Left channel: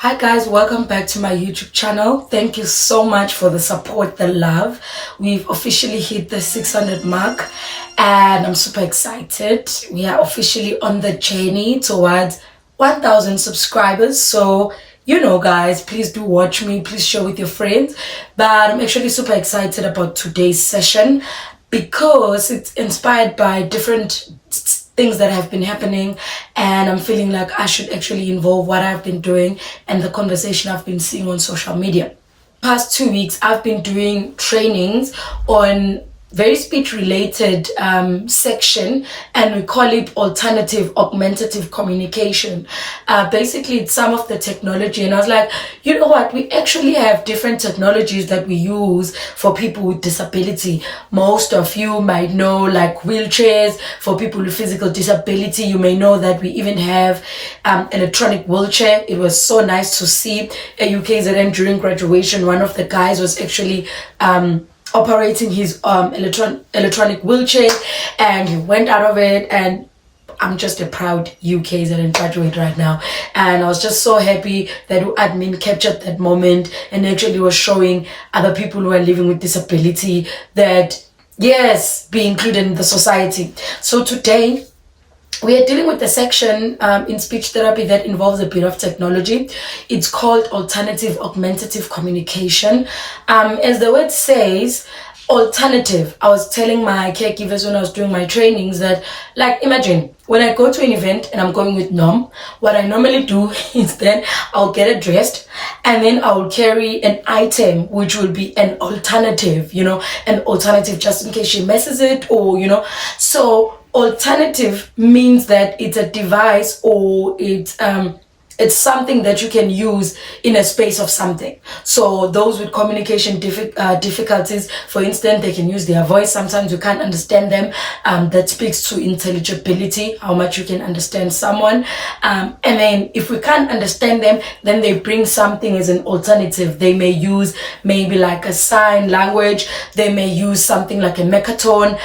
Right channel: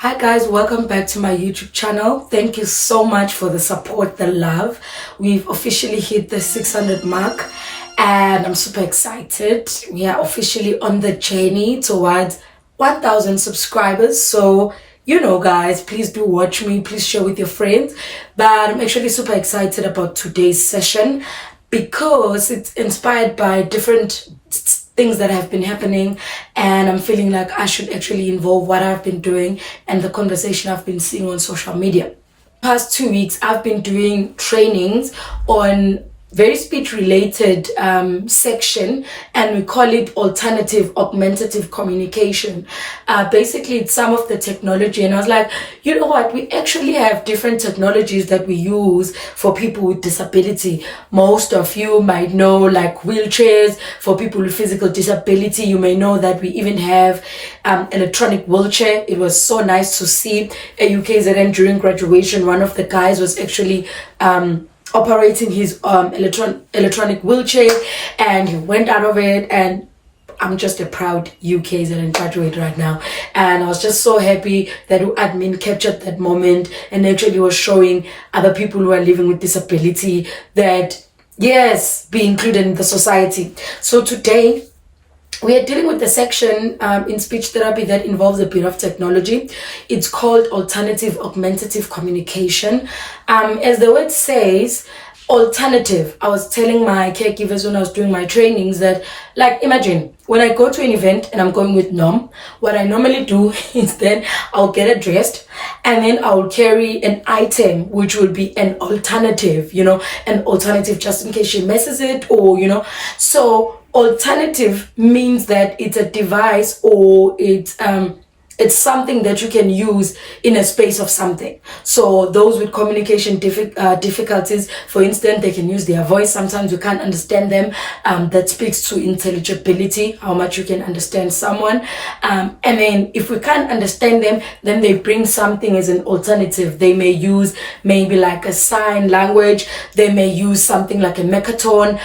Hi guys, welcome back to my YouTube channel. Thank you so much for the support, the love. We've officially hit the 600 mark and I'm super excited. We are officially on the journey towards 1,000 subscribers. So, guys, please do watch me. Please share with your friends. But I'm actually super excited about today's session because it's inspired by different things that have been happening, and I'm feeling like I should actually involve what I've been doing and the conversation I've been seeing on social media. Past 2 weeks I've been doing trainings on very speech related section, and we call it alternative augmentative communication. Basically it's some of the technology, and I was like, you know what, we actually have different technologies that we use for people with disability. Most of you might know, like wheelchairs for people with physical disability. You may know that we even have electronic wheelchair. It was so nice to see a UKZN during graduation. One of the guys was actually operating his electronic wheelchair, and he went out of it, and I'm just a proud UKZN graduate right now. And I was just so happy that admin captured that moment and actually was showing other people who are living with disability that yes, be included in the society. So today we are dealing with a section in speech therapy that involves a bit of technology. It's called alternative augmentative communication. As the word says, alternative. I was telling my caregivers when I was doing my trainings that, like, imagine when I go to an event and I'm going with Nom, what I normally do is then I'll get dressed and then I'll carry an item which will be an alternative, an alternative just in case she messes it, or, so alternative means that it's a device, or it's something that you can use in a space of something. So those with communication difficulties, for instance, they can use their voice. Sometimes you can't understand them. That speaks to intelligibility, how much you can understand someone. And then if we can't understand them, then they bring something as an alternative. They may use maybe like a sign language. They may use something like a mechatone.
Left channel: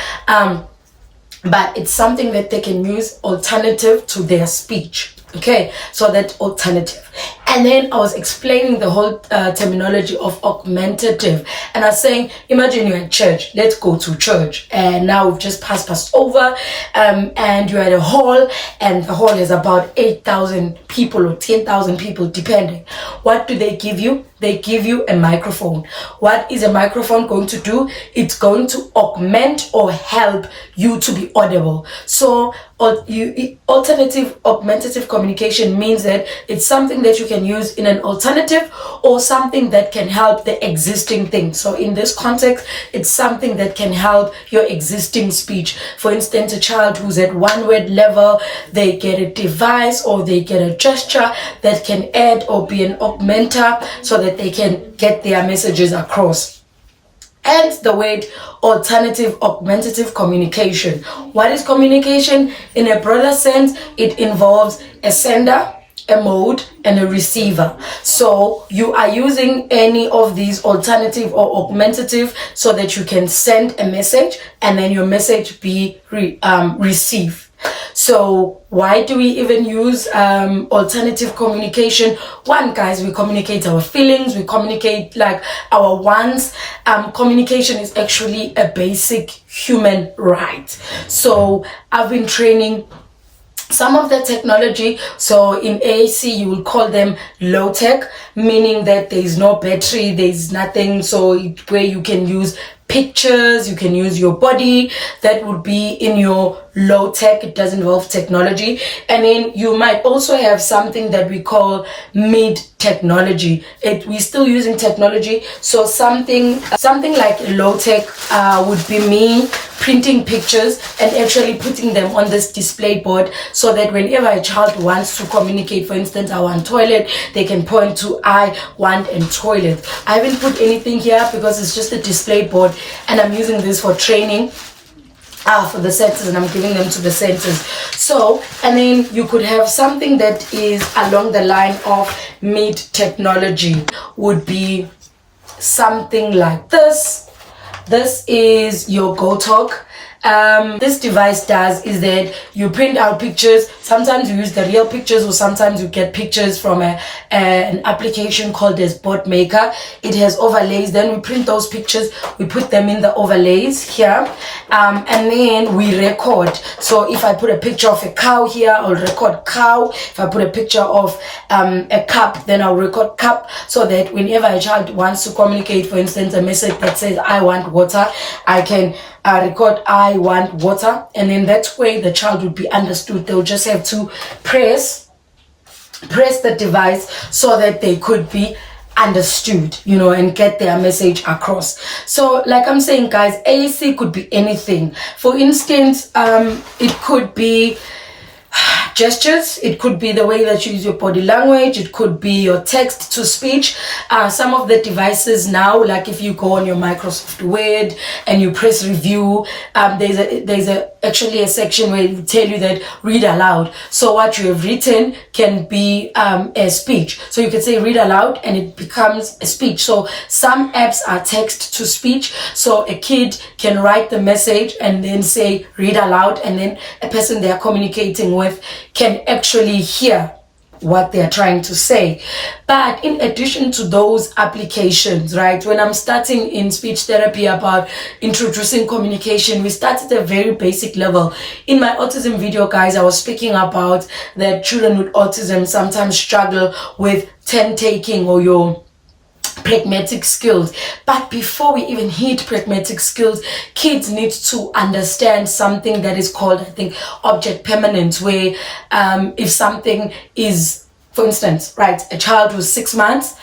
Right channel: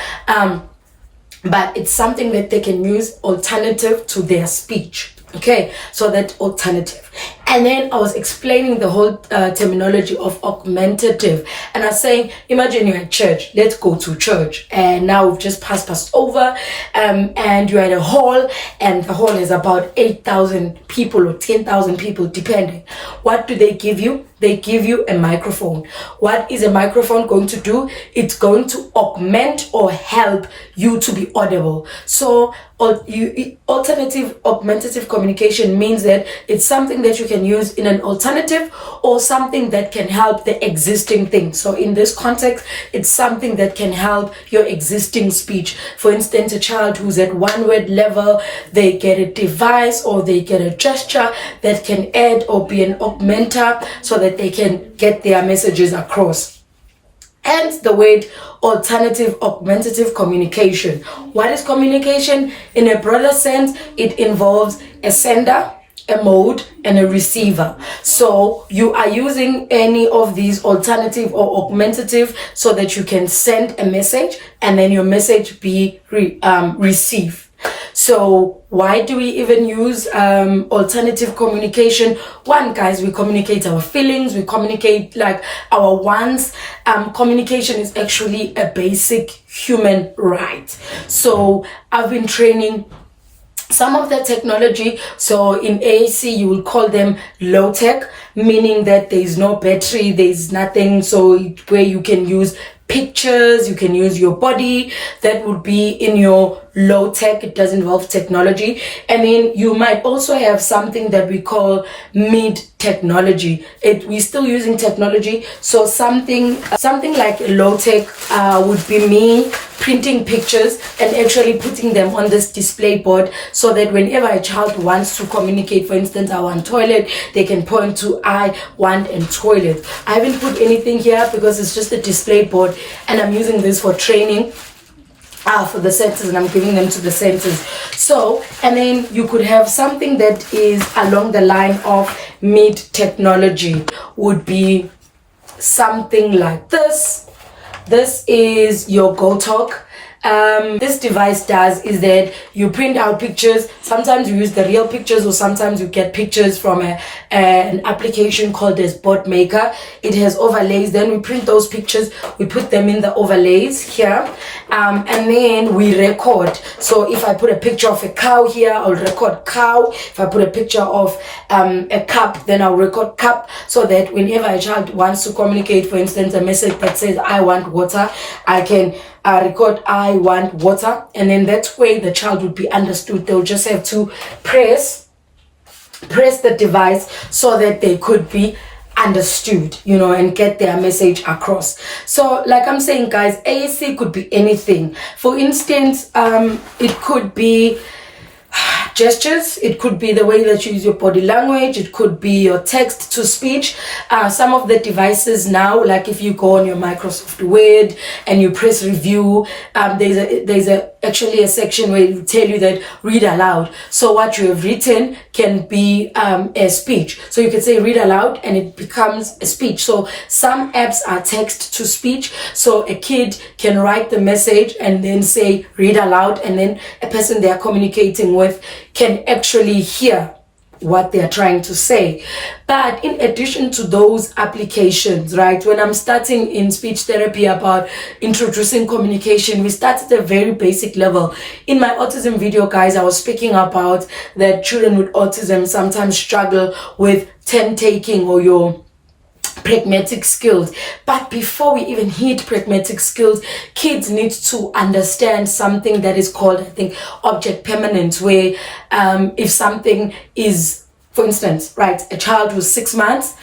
But it's something that they can use alternative to their speech. Okay, so that alternative. And then I was explaining the whole terminology of augmentative, and I was saying, imagine you're at church. Let's go to church, and now we've just passed over, and you're at a hall, and the hall is about 8,000 people or 10,000 people, depending. What do they give you? They give you a microphone. What is a microphone going to do? It's going to augment or help you to be audible. So alternative augmentative communication means that it's something that you can use in an alternative or something that can help the existing thing. So in this context, it's something that can help your existing speech. For instance, a child who's at one word level, they get a device or they get a gesture that can add or be an augmenter so that they can get their messages across. Hence the word alternative augmentative communication. What is communication? In a broader sense, it involves a sender, a mode, and a receiver. So you are using any of these alternative or augmentative so that you can send a message and then your message be received. So why do we even use alternative communication? One, guys, we communicate our feelings, we communicate like our wants. Communication is actually a basic human right. So I've been training some of the technology. So in AAC, you will call them low tech, meaning that there is no battery, there is nothing. So where you can use pictures, you can use your body. That would be in your low tech. It does involve technology. And then you might also have something that we call mid technology. We're still using technology. So something like low tech would be me printing pictures and actually putting them on this display board so that whenever a child wants to communicate, for instance, I want toilet, they can point to I want and toilet. I haven't put anything here because it's just a display board, and I'm using this for training for the centers, and I'm giving them to the centers. So, and then you could have something that is along the line of mid technology, would be something like this. This is your Go Talk. This device does is that you print out pictures. Sometimes you use the real pictures, or sometimes you get pictures from an application called as Bot Maker. It has overlays. Then we print those pictures, we put them in the overlays here, and then we record. So if I put a picture of a cow here, I'll record cow. If I put a picture of a cup, then I'll record cup, so that whenever a child wants to communicate, for instance, a message that says I want water, I can record I want water, and then that way the child would be understood. They'll just have to press the device so that they could be understood, and get their message across. So like I'm saying, guys, AAC could be anything. For instance, it could be gestures, it could be the way that you use your body language, it could be your text to speech. Some of the devices now, like if you go on your Microsoft Word and you press review, there's actually a section where it will tell you that read aloud. So what you have written can be a speech. So you can say read aloud and it becomes a speech. So some apps are text to speech. So a kid can write the message and then say read aloud, and then a person they are communicating with can actually hear what they are trying to say. But in addition to those applications, right, when I'm starting in speech therapy about introducing communication, we start at a very basic level. In my autism video, guys, I was speaking about that children with autism sometimes struggle with 10 taking or your pragmatic skills. But before we even hit pragmatic skills, kids need to understand something that is called, I think, object permanence, where if something is, for instance, right, a child who's 6 months,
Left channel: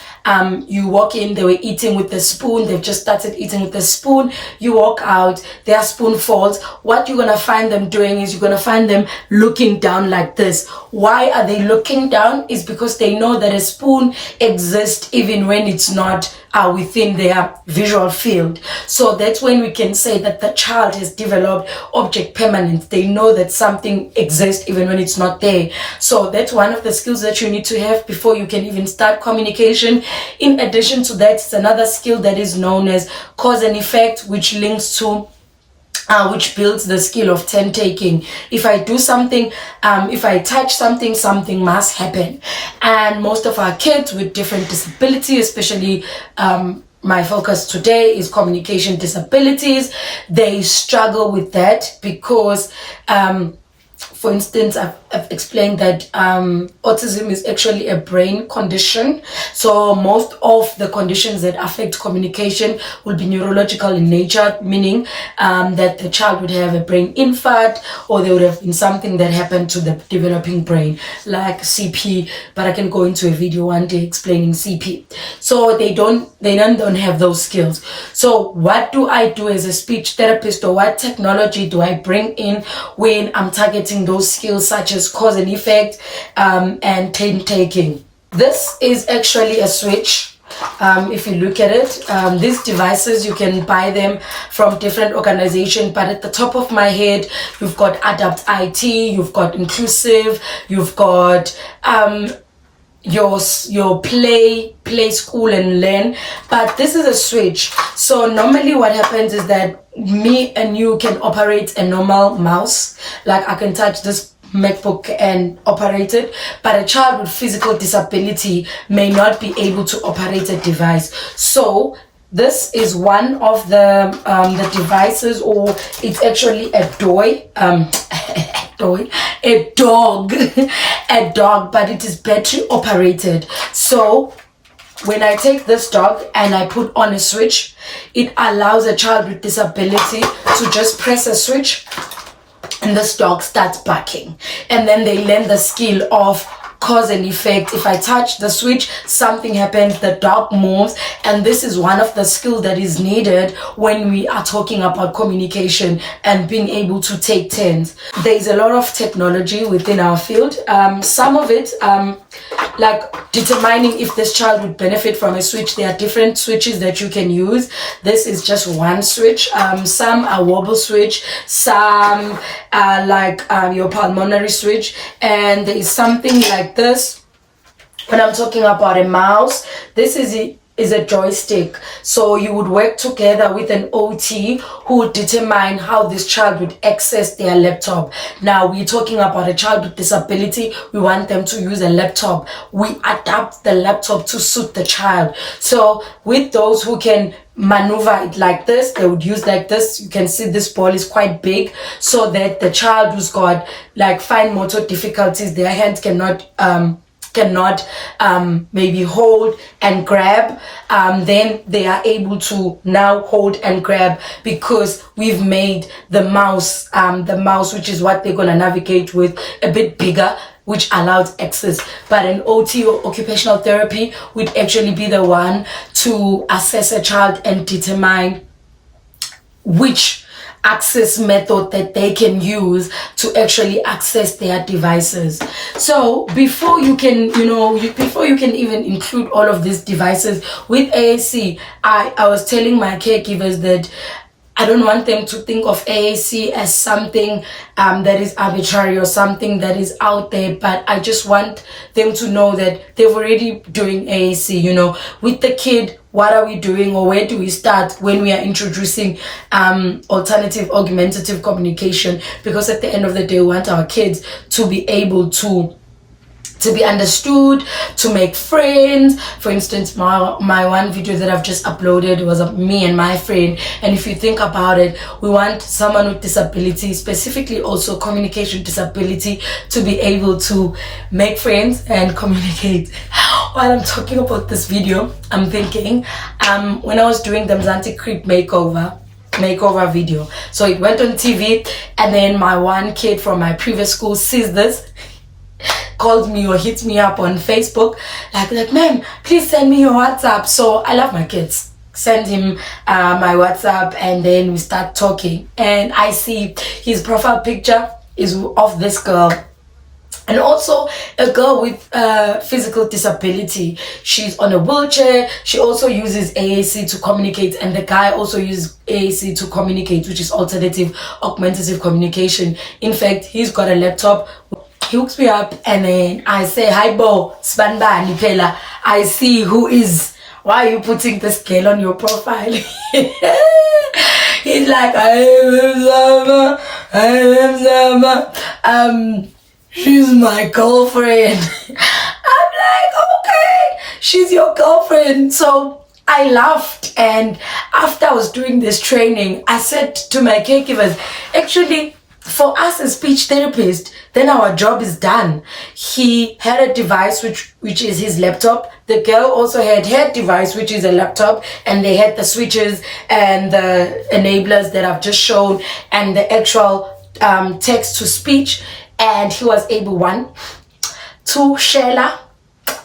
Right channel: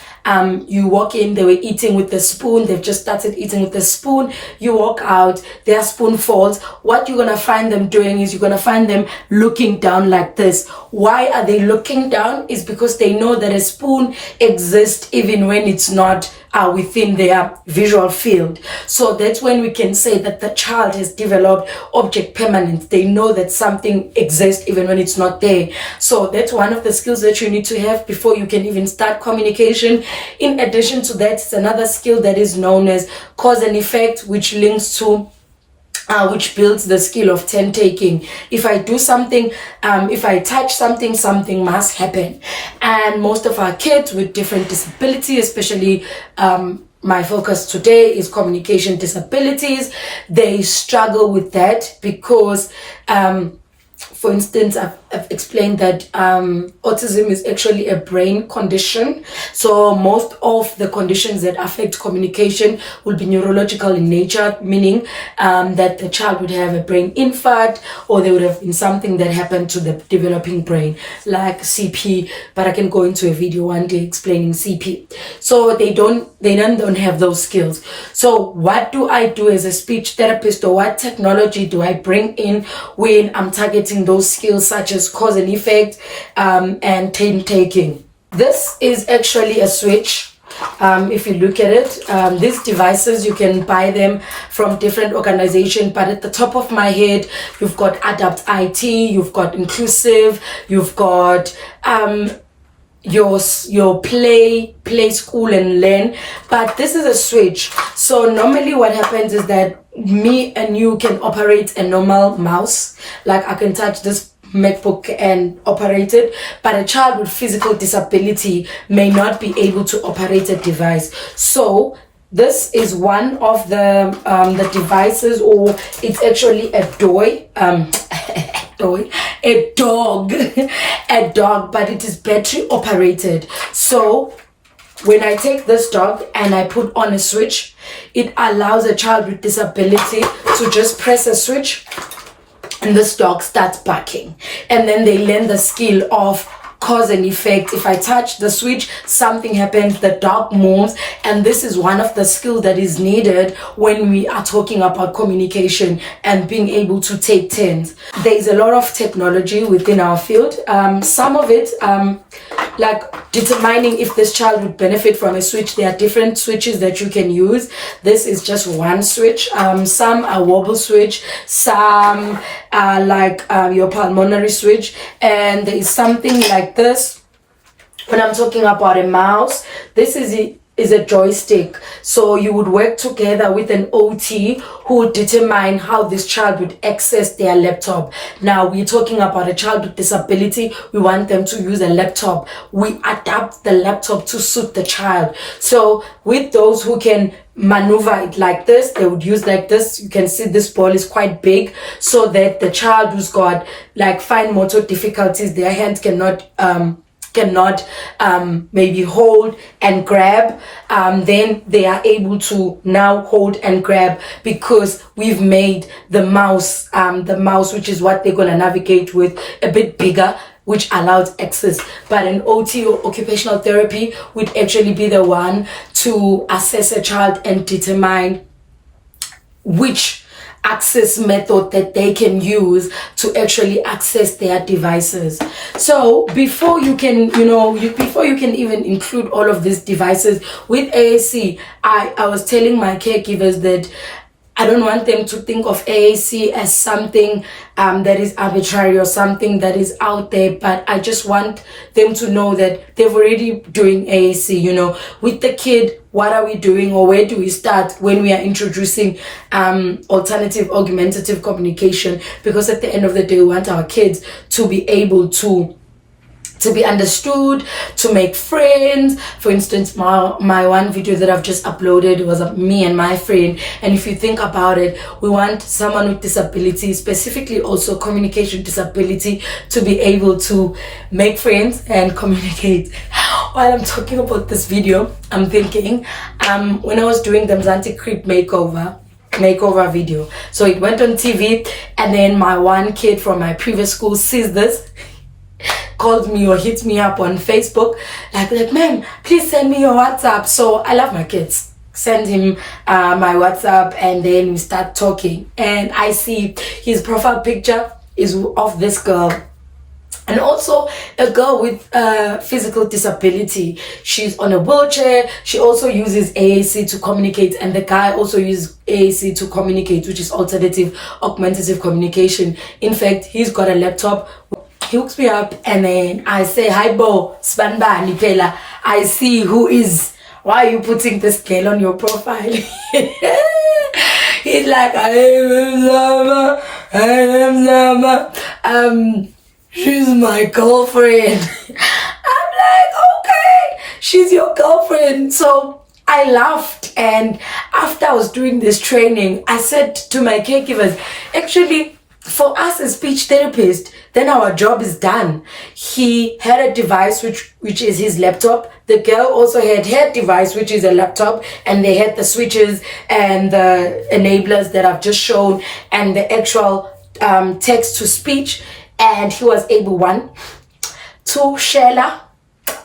you walk in, they were eating with the spoon, they've just started eating with the spoon, you walk out, their spoon falls. What you're gonna find them doing is you're gonna find them looking down like this. Why are they looking down? Is because they know that a spoon exists even when it's not within their visual field. So that's when we can say that the child has developed object permanence. They know that something exists even when it's not there. So that's one of the skills that you need to have before you can even start communication. In addition to that, it's another skill that is known as cause and effect, which links to which builds the skill of 10 taking. If I do something, if I touch something, something must happen. And most of our kids with different disabilities, especially my focus today is communication disabilities, they struggle with that because for instance, I've explained that autism is actually a brain condition. So most of the conditions that affect communication will be neurological in nature, meaning that the child would have a brain infarct, or there would have been something that happened to the developing brain, like CP. But I can go into a video one day explaining CP. So they don't have those skills. So what do I do as a speech therapist, or what technology do I bring in when I'm targeting those skills such as cause and effect and 10 taking? This is actually a switch. If you look at it, these devices, you can buy them from different organizations, but at the top of my head, you've got Adapt IT, you've got Inclusive, you've got your play school and learn. But this is a switch. So normally what happens is that me and you can operate a normal mouse, like I can touch this MacBook and operate it, but a child with physical disability may not be able to operate a device. So this is one of the devices, or it's actually a toy, a dog, but it is battery operated. So when I take this dog and I put on a switch, it allows a child with disability to just press a switch and this dog starts barking. And then they learn the skill of cause and effect. If I touch the switch, something happens, the dog moves. And this is one of the skills that is needed when we are talking about communication and being able to take turns. There's a lot of technology within our field. Some of it, like determining if this child would benefit from a switch. There are different switches that you can use. This is just one switch. Some are wobble switch, some are like your pulmonary switch, and there is something like this. When I'm talking about a mouse, this is is a joystick. So you would work together with an OT who would determine how this child would access their laptop. Now we're talking about a child with disability. We want them to use a laptop. We adapt the laptop to suit the child. So with those who can maneuver it like this, they would use like this. You can see this ball is quite big, so that the child who's got like fine motor difficulties, their hands cannot maybe hold and grab, then they are able to now hold and grab, because we've made the mouse which is what they're going to navigate with, a bit bigger, which allows access. But an OT or occupational therapy would actually be the one to assess a child and determine which access method that they can use to actually access their devices. So before you can even include all of these devices with AAC, I was telling my caregivers that I don't want them to think of AAC as something that is arbitrary or something that is out there, but I just want them to know that they're already doing AAC. With the kid, what are we doing, or where do we start when we are introducing alternative augmentative communication? Because at the end of the day, we want our kids to be able to be understood, to make friends. For instance, my one video that I've just uploaded was of me and my friend. And if you think about it, we want someone with disability, specifically also communication disability, to be able to make friends and communicate. While I'm talking about this video, I'm thinking, when I was doing the Mzansi Creep makeover video, so it went on TV, and then my one kid from my previous school sees this, called me or hit me up on Facebook, like, ma'am, please send me your WhatsApp. So I love my kids. Send him my WhatsApp, and then we start talking. And I see his profile picture is of this girl, and also a girl with physical disability. She's on a wheelchair. She also uses AAC to communicate, and the guy also uses AAC to communicate, which is alternative augmentative communication. In fact, he's got a laptop. He hooks me up, and then I say, hi Bo, Spanba Nipela. I see who is, why are you putting this girl on your profile? He's like, I am Zama. She's my girlfriend. I'm like, okay, she's your girlfriend. So I laughed, and after I was doing this training, I said to my caregivers, actually, for us as speech therapists, then our job is done. He had a device which is his laptop. The girl also had her device, which is a laptop, and they had the switches and the enablers that I've just shown, and the actual text to speech. And he was able, one, to Sheila,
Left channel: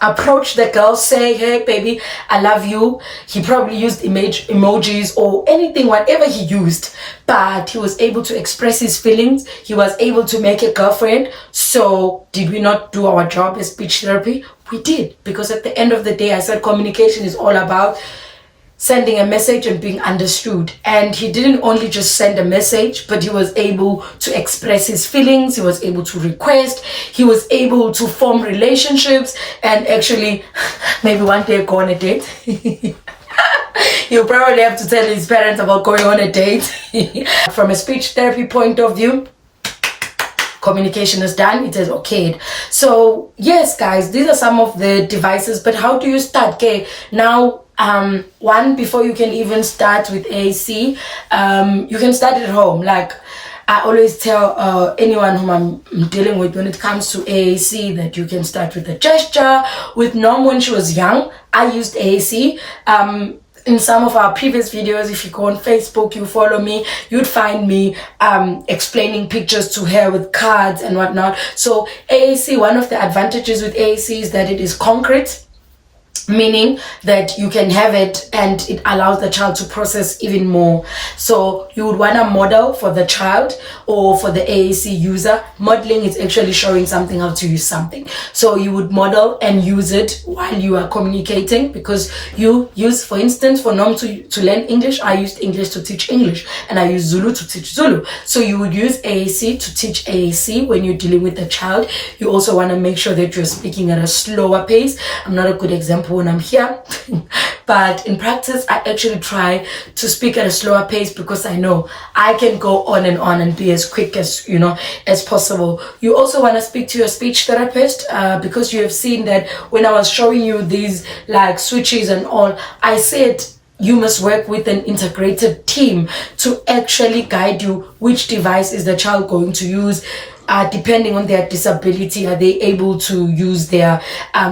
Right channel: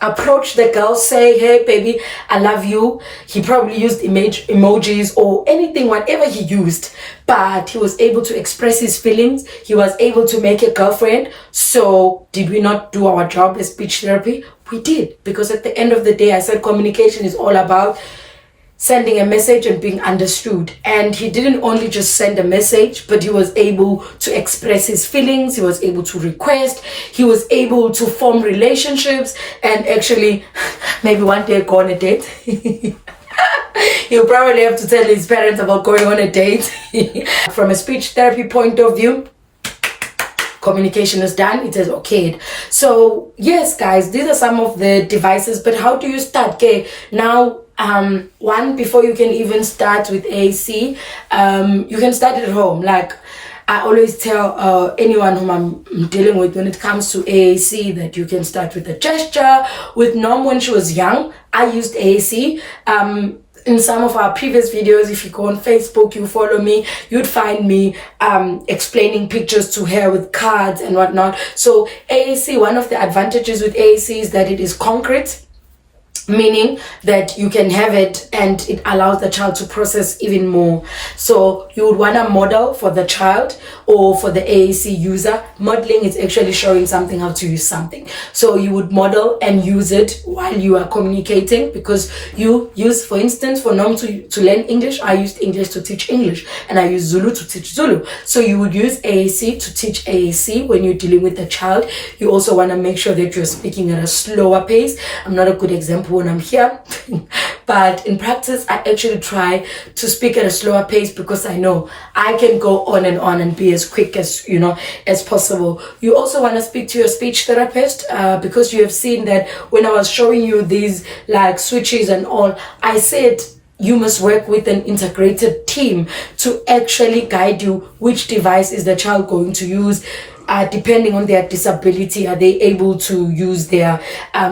approach the girl, say, hey baby, I love you. He probably used emojis or anything, whatever he used, but he was able to express his feelings. He was able to make a girlfriend. So did we not do our job as speech therapy? We did, because at the end of the day, I said communication is all about sending a message and being understood. And he didn't only just send a message, but he was able to express his feelings. He was able to request. He was able to form relationships, and actually maybe one day go on a date. He'll probably have to tell his parents about going on a date. From a speech therapy point of view, communication is done, it is okayed. So yes, guys, these are some of the devices, but how do you start? Okay, now one, before you can even start with AAC, you can start at home. Like I always tell anyone whom I'm dealing with when it comes to AAC, that you can start with a gesture. With Norm, when she was young, I used AAC. In some of our previous videos, if you go on Facebook, you follow me, you'd find me explaining pictures to her with cards and whatnot. So AAC, one of the advantages with AAC is that it is concrete, meaning that you can have it and it allows the child to process even more. So you would want to model for the child or for the AAC user. Modeling is actually showing something, how to use something. So you would model and use it while you are communicating, because you use, for instance, for Nom to learn English, I used English to teach English, and I use Zulu to teach Zulu. So you would use AAC to teach AAC when you're dealing with the child. You also want to make sure that you're speaking at a slower pace. I'm not a good example when I'm here. But in practice, I actually try to speak at a slower pace because I know I can go on and be as quick as, as possible. You also want to speak to your speech therapist because you have seen that when I was showing you these like switches and all, I said you must work with an integrated team to actually guide you which device is the child going to use. Depending on their disability, are they able to use their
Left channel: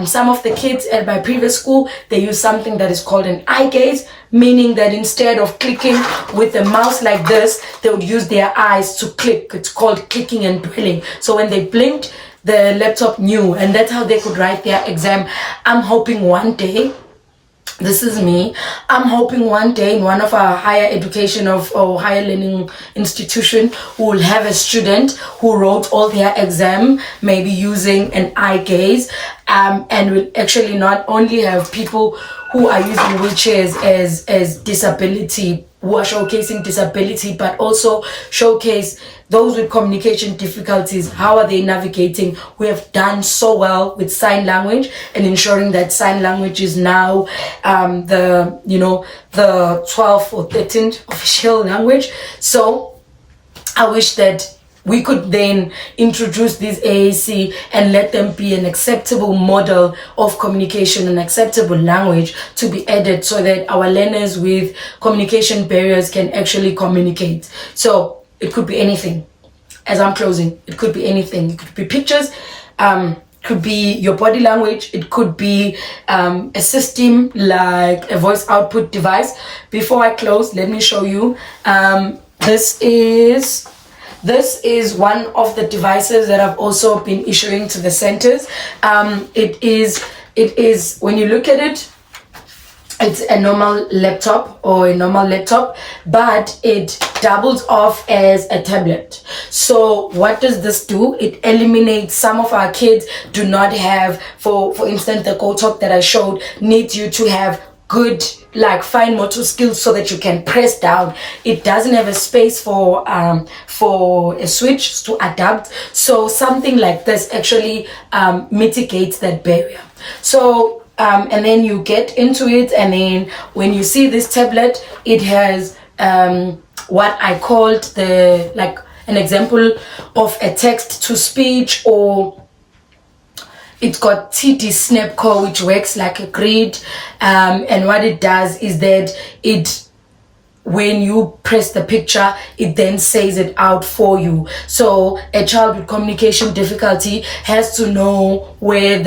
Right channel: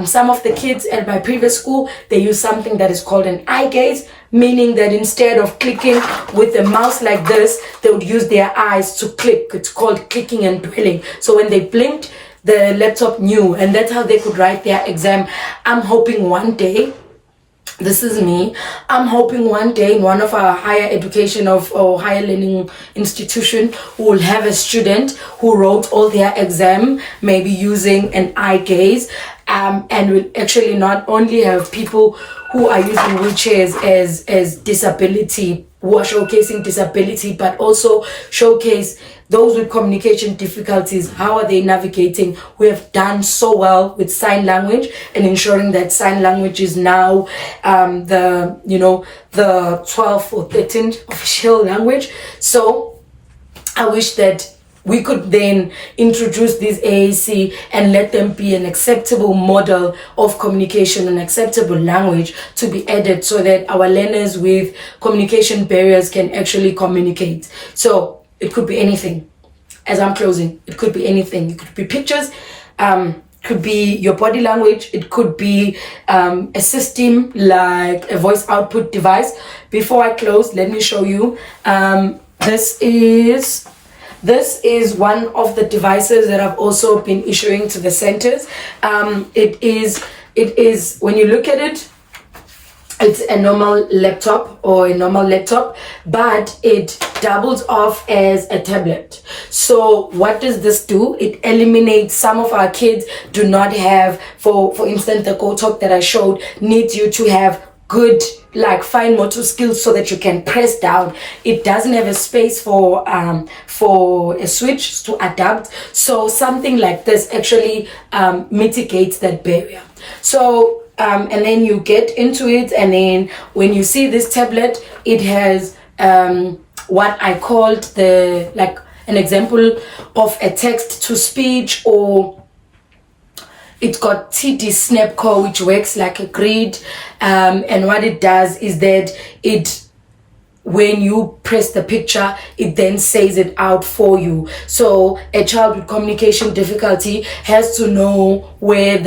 some of the kids at my previous school, they use something that is called an eye gaze, meaning that instead of clicking with the mouse like this, they would use their eyes to click. It's called clicking and dwelling. So when they blinked, the laptop knew, and that's how they could write their exam. I'm hoping one day, this is me, I'm hoping one day in one of our higher education or higher learning institution, we will have a student who wrote all their exam, maybe using an eye gaze, and we'll actually not only have people who are using wheelchairs as disability, who are showcasing disability, but also showcase those with communication difficulties. How are they navigating? We have done so well with sign language and ensuring that sign language is now the 12th or 13th official language. So I wish that we could then introduce this AAC and let them be an acceptable model of communication, an acceptable language to be added so that our learners with communication barriers can actually communicate. So it could be anything. As I'm closing, it could be anything. It could be pictures, could be your body language. It could be a system like a voice output device. Before I close, let me show you. This is one of the devices that I've also been issuing to the centers. It is when you look at it, it's a normal laptop, but it doubles off as a tablet. So what does this do? It eliminates some of our kids do not have, for instance, the Go Talk that I showed needs you to have good fine motor skills so that you can press down. It doesn't have a space for a switch to adapt. So something like this actually mitigates that barrier. So and then you get into it, and then when you see this tablet, it has what I called an example of a text to speech, or it's got TD Snapcore, which works like a grid, and what it does is that when you press the picture, it then says it out for you. So a child with communication difficulty has to know where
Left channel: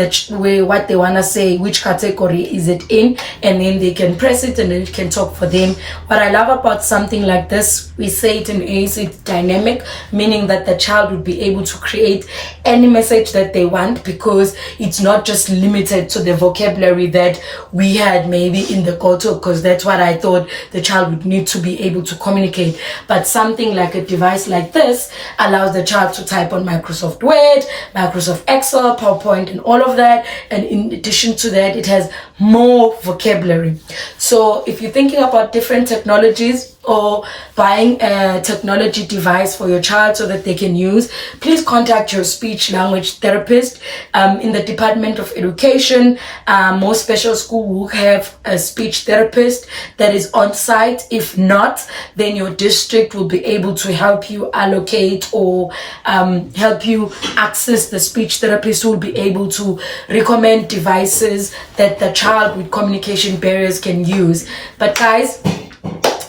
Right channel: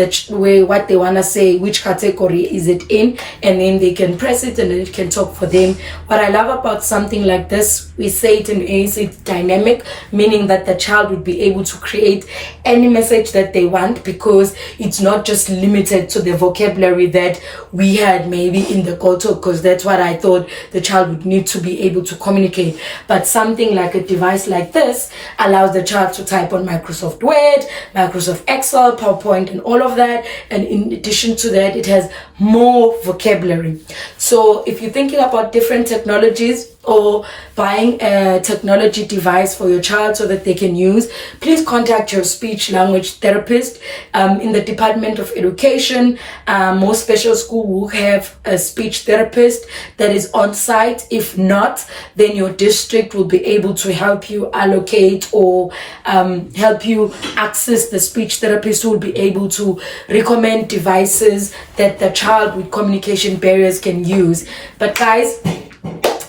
what they want to say, which category is it in, and then they can press it and it can talk for them. What I love about something like this, we say it in ACE, it's dynamic, meaning that the child would be able to create any message that they want, because it's not just limited to the vocabulary that we had maybe in the Goto, because that's what I thought the child would need to be able to communicate. But something like a device like this allows the child to type on Microsoft Word, Microsoft Excel, PowerPoint, and all of that. And in addition to that, it has more vocabulary. So if you're thinking about different technologies or buying a technology device for your child so that they can use, please contact your speech language therapist. In the Department of Education, most special schools will have a speech therapist that is on site. If not, then your district will be able to help you allocate or help you access the speech therapist who will be able to recommend devices that the child with communication barriers can use. But guys,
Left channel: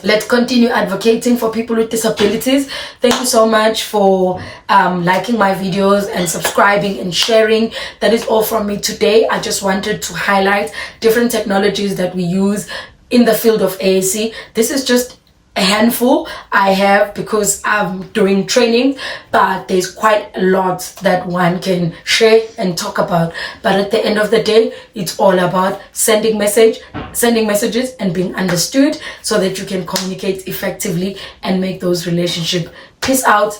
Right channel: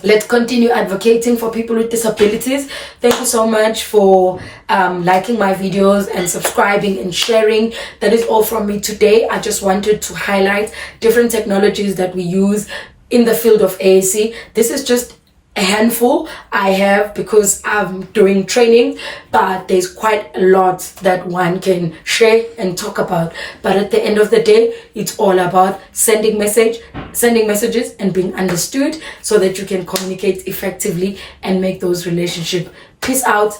let's continue advocating for people with disabilities. Thank you so much for liking my videos and subscribing and sharing. That is all from me today. I just wanted to highlight different technologies that we use in the field of AAC. This is just a handful I have because I'm doing training, but there's quite a lot that one can share and talk about. But at the end of the day, it's all about sending messages and being understood so that you can communicate effectively and make those relationships. Peace out.